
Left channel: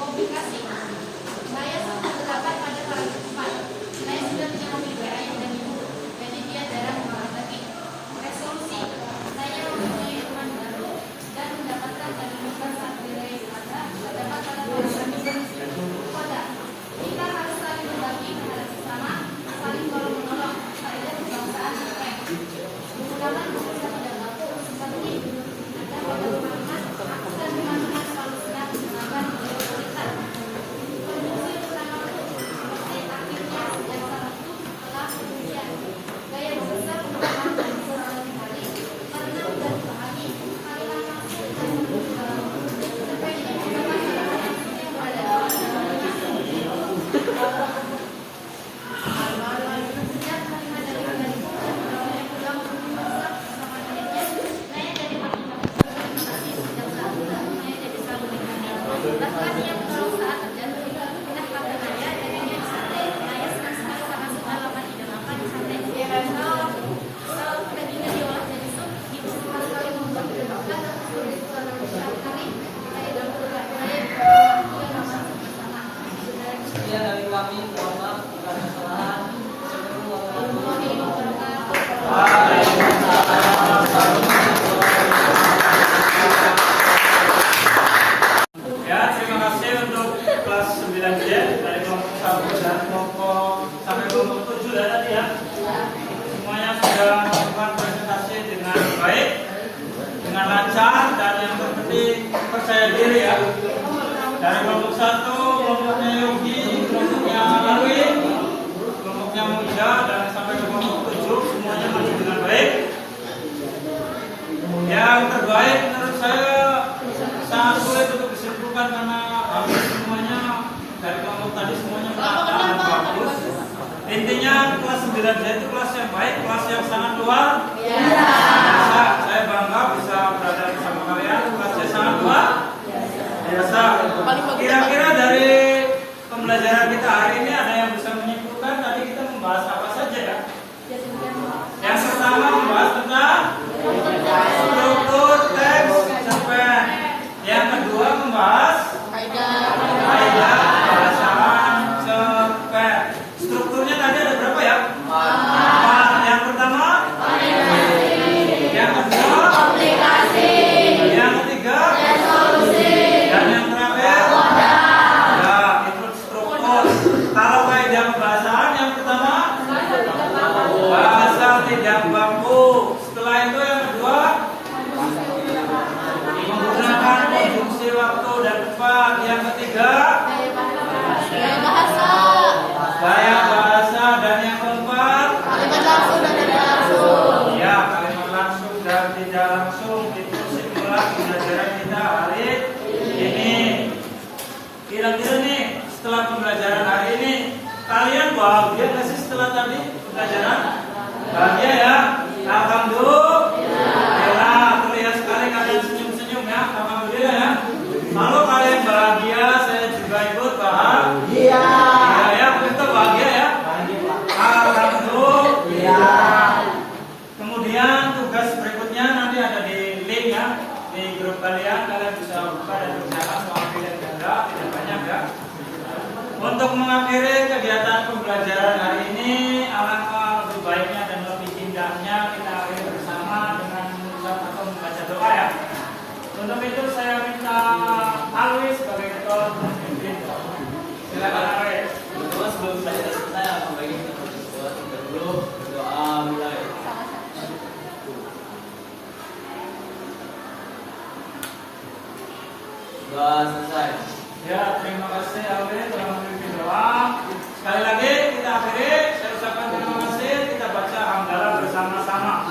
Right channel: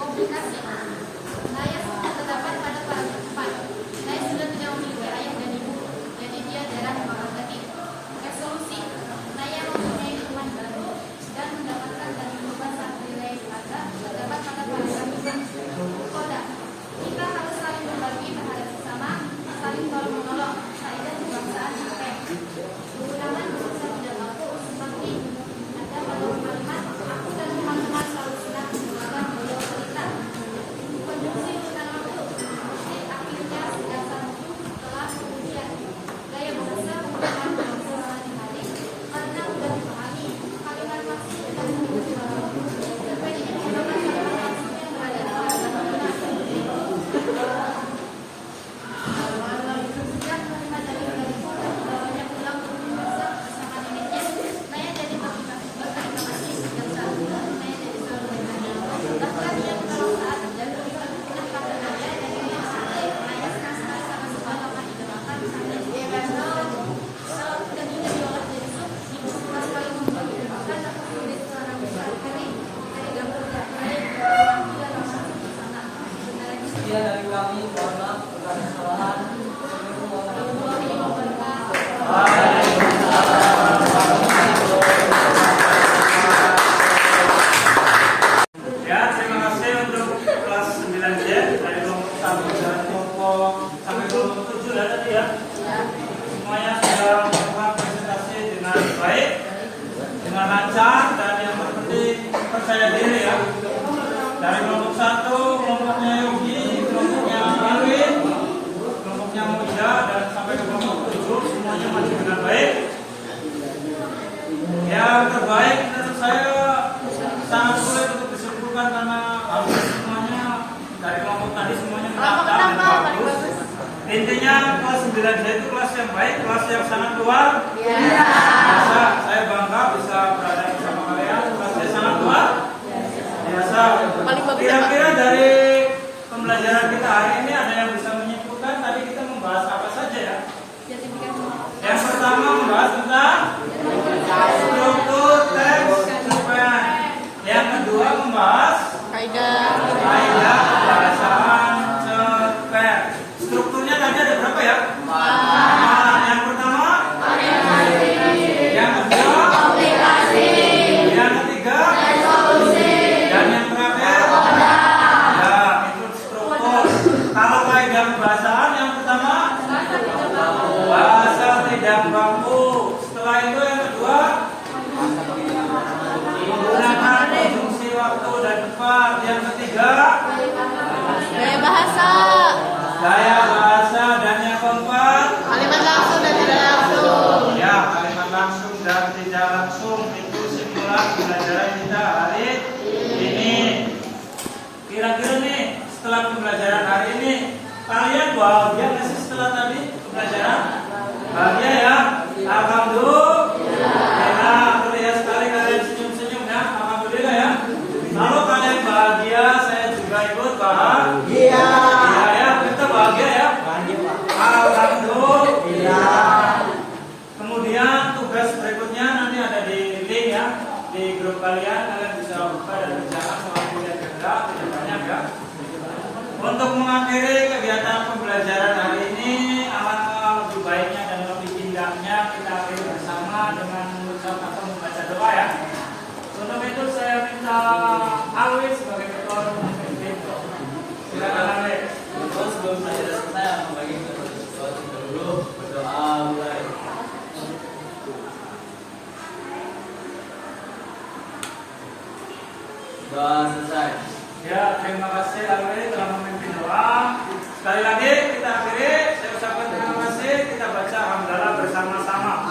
Komplikasi. Saya sudah terdapat pada para tempat. Saya sudah tidak memiliki ayah dan ibu, jadi dia jarang makan daging. Resolusi. Saya mempunyai teman baru dan mendapatkan daging kurban saat hari raya Idul Adha terdapat pada para kami. Koda. Kita harus saling berbagi terhadap sesama, saling tolong menolong. Faedah kebangsaan UM. Menggunakan bahasa tidak baku seperti ada pada teman-teman. Aku dan teman-teman selalu senang mendengarkan beliau cerita. Konjungsi urutan waktu seperti akhirnya dan sama itu telah kemudian. Gaya bahasa menggunakan konjungsi hari karena mudah dipahami. Kalimat maksud dan konjungsi dalam waktu berbeda menggunakan kalimat maksud yang berada di dalam kalimat. Sejak menerima dari pun dan membawa pulang berbahasa bersama neneknya, Naya jadi makin terima kasih dan saat itu Naya jadi selalu baik hati. Bahkan ia menolong saat terjatuh. Nah kata Naya, neneknya Naya senang sekali karena sudah lama didengarkan sampai kalau dan ini diolah jadi sup, ibu suka sekali membuat dimakan dan sehari-hari Naya dan keluarga Naya dia ramah bersama. Sekian dari kami. Mohon maaf jika ada kesalahan. Assalamualaikum warahmatullahi Warahmatullahi wabarakatuh. Ya, terima kasih untuk kelas 9 ya, dari kelompok 1 dan kelompok sampai kelompok 7 ya tadi ya. Semuanya sudah melakukan presentasi dengan baik, dengan lancar, dan yang terpenting percaya diri ya. Dari kelompok 1, kelompoknya Yogi, kelompoknya Arwin, kelompoknya Muida, dan sampai ke kelompok 7 semuanya maju dengan baik. Yang terbaik menurut saya sangat sulit untuk disimpulkan karena hampir semuanya dari kelompok tadi semuanya merata dan bagus. Intinya kelas 9 itu kelas yang baik, kelas yang sangat luar biasa. Saya bangga bisa berada bersama kalian. Kelasnya sangat luar biasa. Kira-kira dari pembelajaran kita hari ini ada yang bisa menyimpulkan tadi kita membahas apa saja ya? Yang pertama membahas tentang struktur teks cerpen. Yang kedua membahas kaidah pembahasan cerpen. Strukturnya tadi ada berapa ya? Yang pertama, yang kedua, yang ketiga, dan yang terakhir, ya itu struktur. Kalau kaidah pembahasan yang pertama, bahasa tidak baku. Setelah itu yang kedua, menggunakan konjungsi waktu dan tempat. Yang ketiga, gaya bahasa, dan yang keempat, ya kalimat langsung dan tidak langsung. Itu simpulan pembelajaran kita hari ini. Kira-kira nih setelah pembelajaran hari ini kalian bahagia nggak sih setelah tadi pembelajaran? Bahagia ya? Alhamdulillah. Aku lihat sekali kalian senyum-senyum ya. Alhamdulillah ya. Kalau kalian bahagia, saya juga ikut bahagia. Iya ya, kita bahagia ya. Alhamdulillah. Kemudian tugas berikutnya nanti ada di link ya, di grup kalian bisa buka dan kerjakan soal pilihan ganda, tidak banyak ya. Untuk mengakhiri kegiatan pembelajaran hari ini, alangkah lebih baiknya dan lebih indahnya kita akhiri bersama dengan mengucap atau membaca doa ya. Untuk itu saya minta Alwi sebagai ketua pemimpin. Silakan Alwi. Terus sebelum pelajaran selesai, akan bagi kita berdoa dulu. Berdoa mulai. Doa selesai. Ya, terima kasih Alwi telah memimpin doa. Sekali lagi kita akhiri, saya ucapkan terima kasih. Kita baca hamdalah bersama-sama.